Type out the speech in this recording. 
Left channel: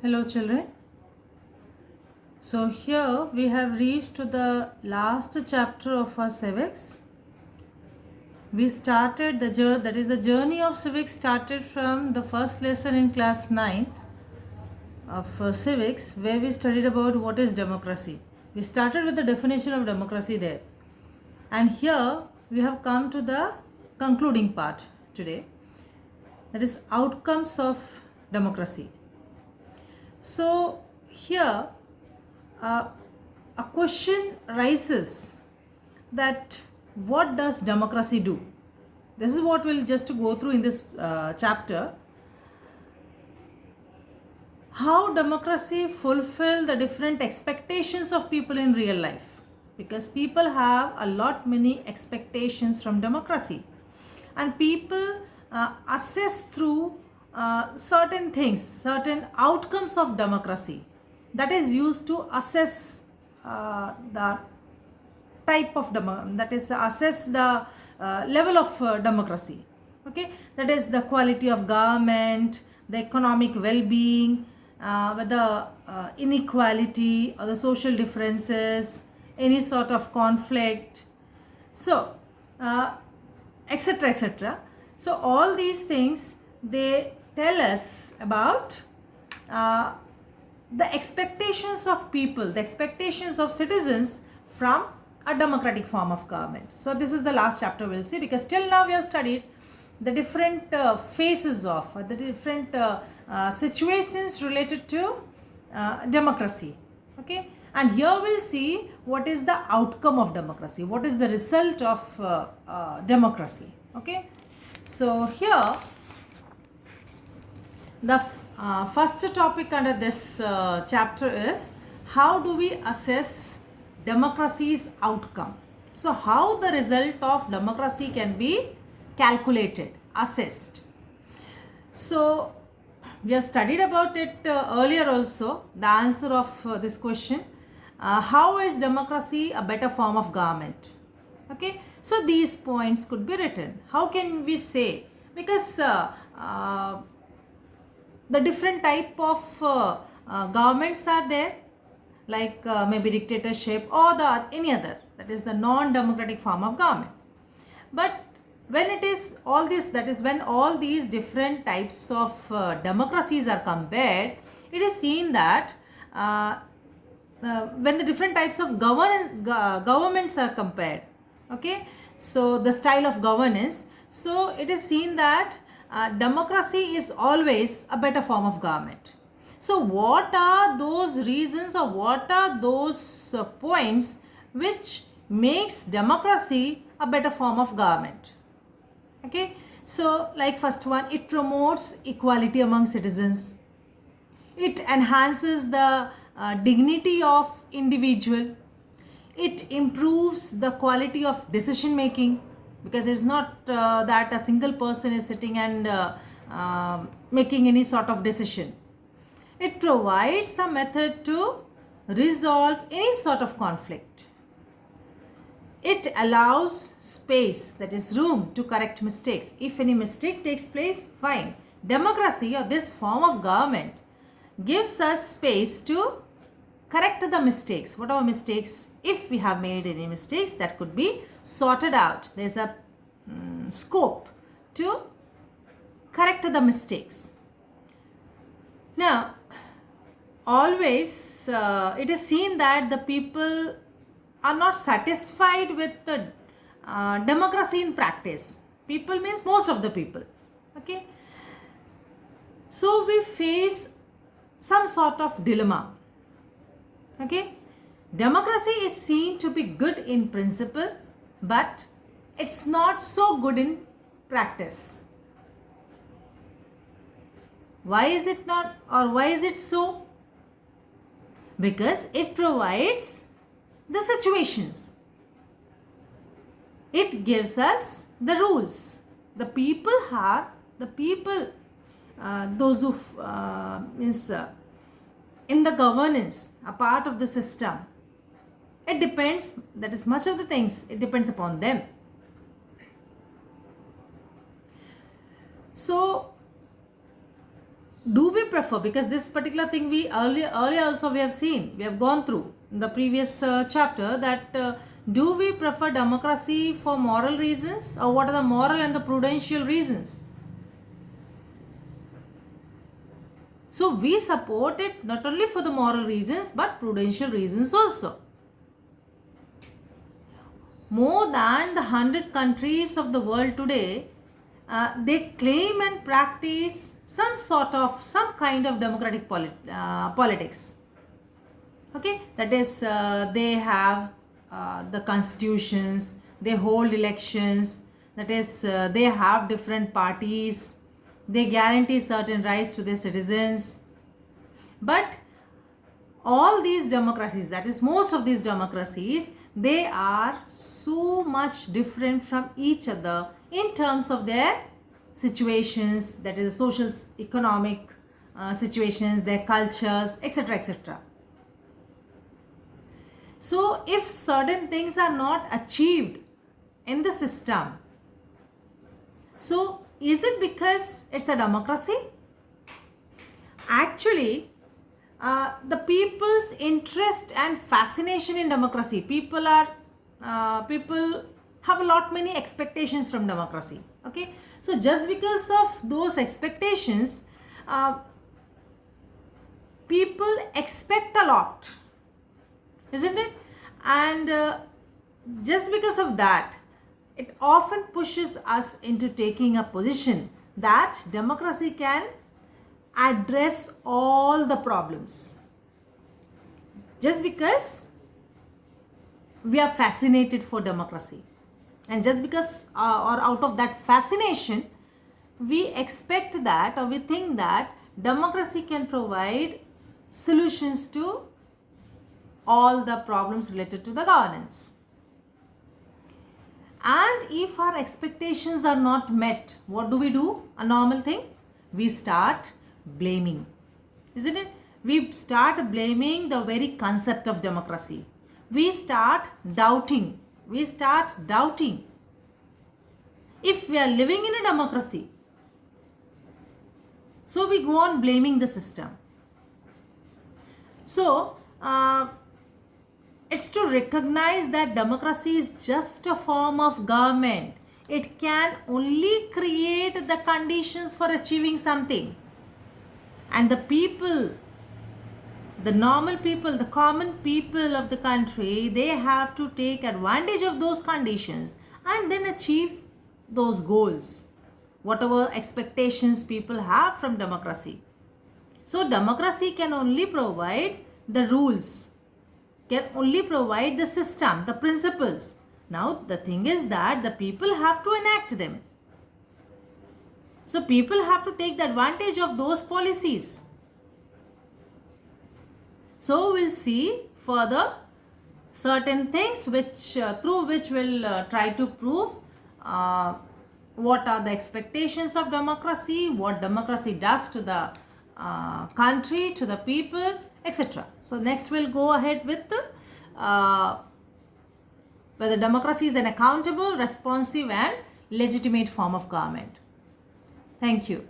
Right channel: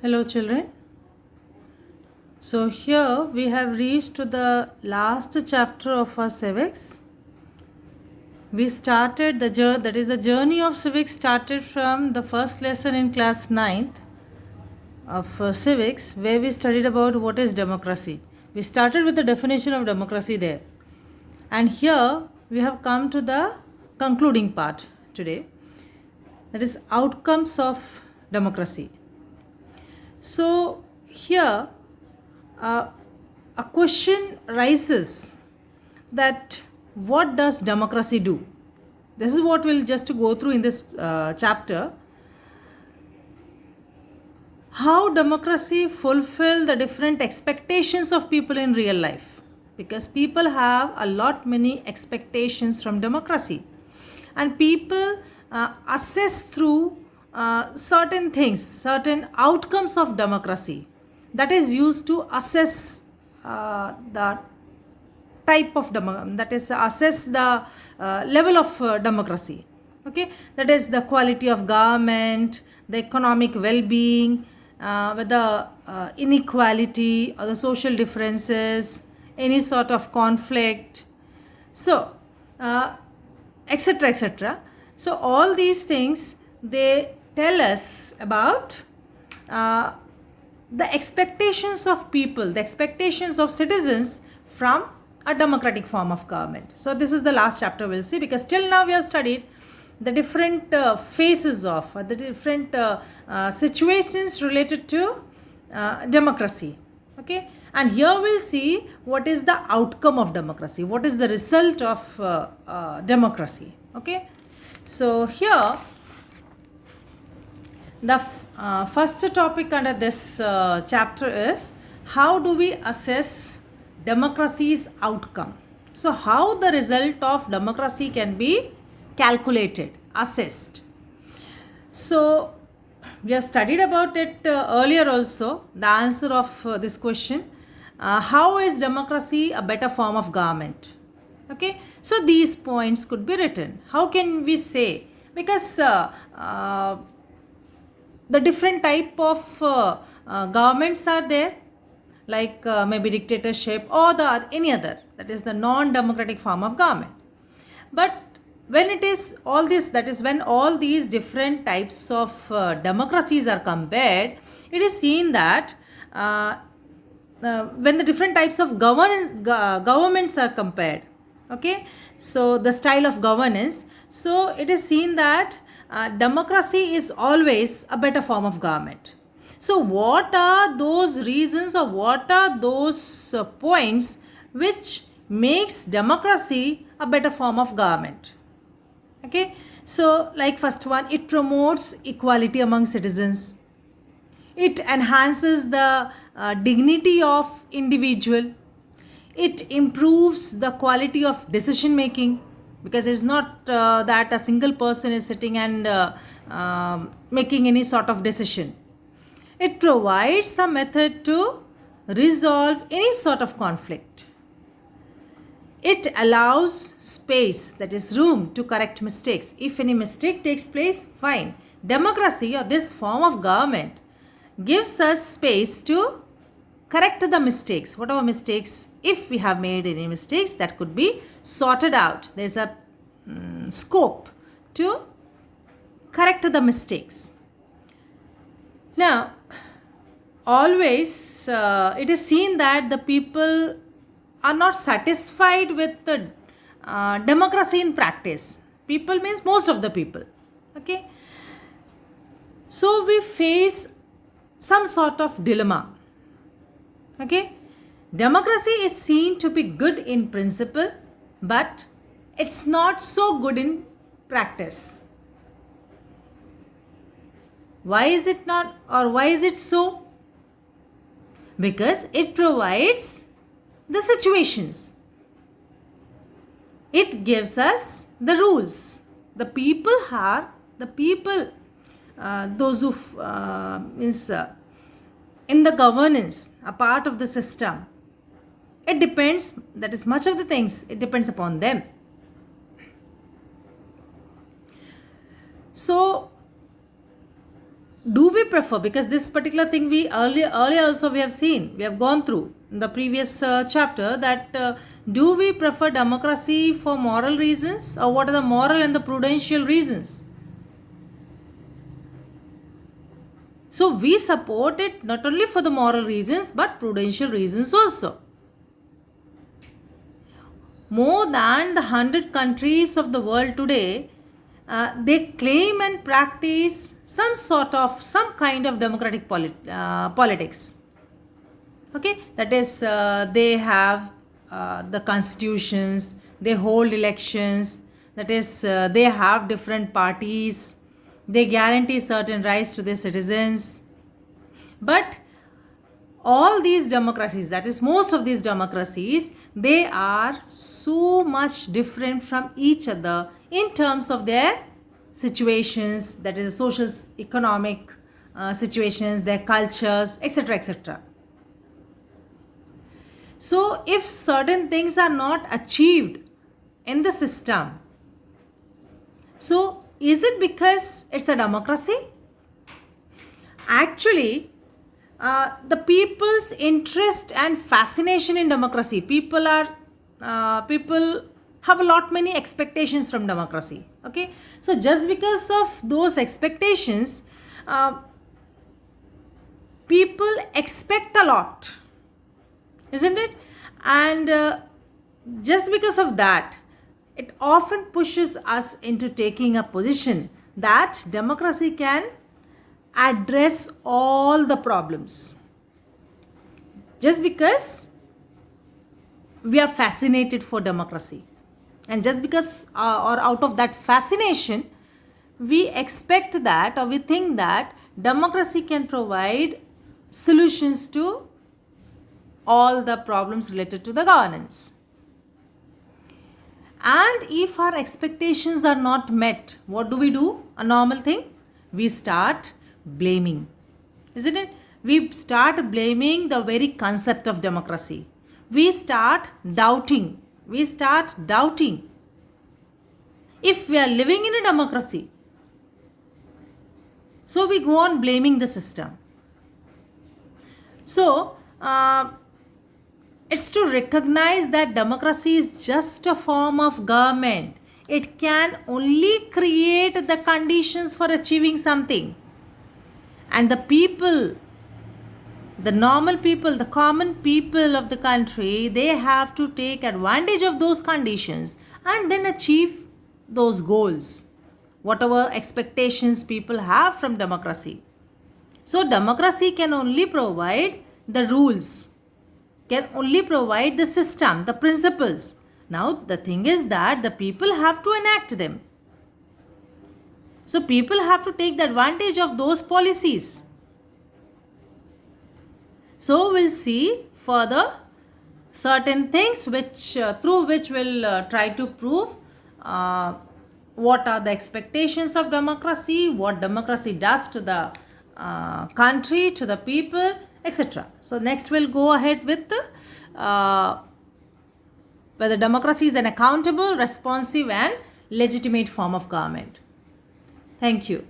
Hello, children. So, here we have reached to the last chapter of our civics. We started the journey, that is, the journey of civics started from the first lesson in class ninth of civics, where we studied about what is democracy. We started with the definition of democracy there. And here we have come to the concluding part today, that is, outcomes of democracy. So, here uh, a question rises that what does democracy do? This is what we'll just go through in this chapter. How democracy fulfill the different expectations of people in real life, because people have a lot many expectations from democracy, and people assess through certain things, certain outcomes of democracy, that is used to assess the type of that is assess the level of democracy. Okay, that is the quality of government, the economic well-being, whether inequality or the social differences, any sort of conflict, so uh, etc etc. So all these things, they tell us about uh, the expectations of people, the expectations of citizens from a democratic form of government. So this is the last chapter we'll see, because till now we have studied the different phases of the different situations related to democracy. Okay, and here we'll see what is the outcome of democracy, what is the result of democracy. Okay, so here the first topic under this chapter is how do we assess democracy's outcome. So, how the result of democracy can be calculated, assessed. So, we have studied about it earlier also, the answer of this question. How is democracy a better form of government? Okay, so these points could be written. How can we say? Because the different type of governments are there, like maybe dictatorship or the any other, that is the non-democratic form of government. But when it is all this, that is when all these different types of democracies are compared, it is seen that when the different types of governments are compared, okay, so the style of governance, so it is seen that democracy is always a better form of government. So what are those reasons, or what are those points which makes democracy a better form of government? Okay, so like first one, it promotes equality among citizens, it enhances the dignity of individual, it improves the quality of decision making, because it's not that a single person is sitting and making any sort of decision. It provides a method to resolve any sort of conflict. It allows space, that is room to correct mistakes. If any mistake takes place, fine. Democracy, or this form of government, gives us space to correct the mistakes. Whatever mistakes, if we have made any mistakes, that could be sorted out. There's a scope to correct the mistakes. Now, always it is seen that the people are not satisfied with the democracy in practice. People means most of the people. Okay, so we face some sort of dilemma. Okay, democracy is seen to be good in principle, but it's not so good in practice. Why is it not, or why is it so? Because it provides the situations, it gives us the rules. The people are the people, those who means in the governance, a part of the system. It depends, that is much of the things, it depends upon them. So do we prefer, because this particular thing we earlier also we have seen, we have gone through in the previous chapter, that do we prefer democracy for moral reasons, or what are the moral and the prudential reasons? So we support it not only for the moral reasons but prudential reasons also. More than the 100 countries of the world today, they claim and practice some kind of democratic politics. Okay, that is, they have the constitutions, they hold elections, that is, they have different parties, they guarantee certain rights to their citizens. But all these democracies, that is, most of these democracies, they are so much different from each other in terms of their situations, that is, social, economic situations, their cultures, etc., etc. So if certain things are not achieved in the system, so is it because it's a democracy? Actually, the people's interest and fascination in democracy, people have a lot many expectations from democracy. Okay, so just because of those expectations, people expect a lot, isn't it? And just because of that, it often pushes us into taking a position that democracy can address all the problems. Just because we are fascinated for democracy, and just because or out of that fascination, we expect that, or we think that democracy can provide solutions to all the problems related to the governance. And if our expectations are not met, what do? A normal thing, we start blaming, isn't it? We start blaming the very concept of democracy. We start doubting. If we are living in a democracy, so we go on blaming the system. So, it's to recognize that democracy is just a form of government. It can only create the conditions for achieving something. And the people, the normal people, the common people of the country, they have to take advantage of those conditions and then achieve those goals, whatever expectations people have from democracy. So democracy can only provide the rules, can only provide the system, the principles. Now the thing is that the people have to enact them. So people have to take the advantage of those policies. So we'll see further certain things which through which we'll try to prove what are the expectations of democracy, what democracy does to the country, to the people, etc. So next we'll go ahead with whether democracy is an accountable, responsive and legitimate form of government. Thank you.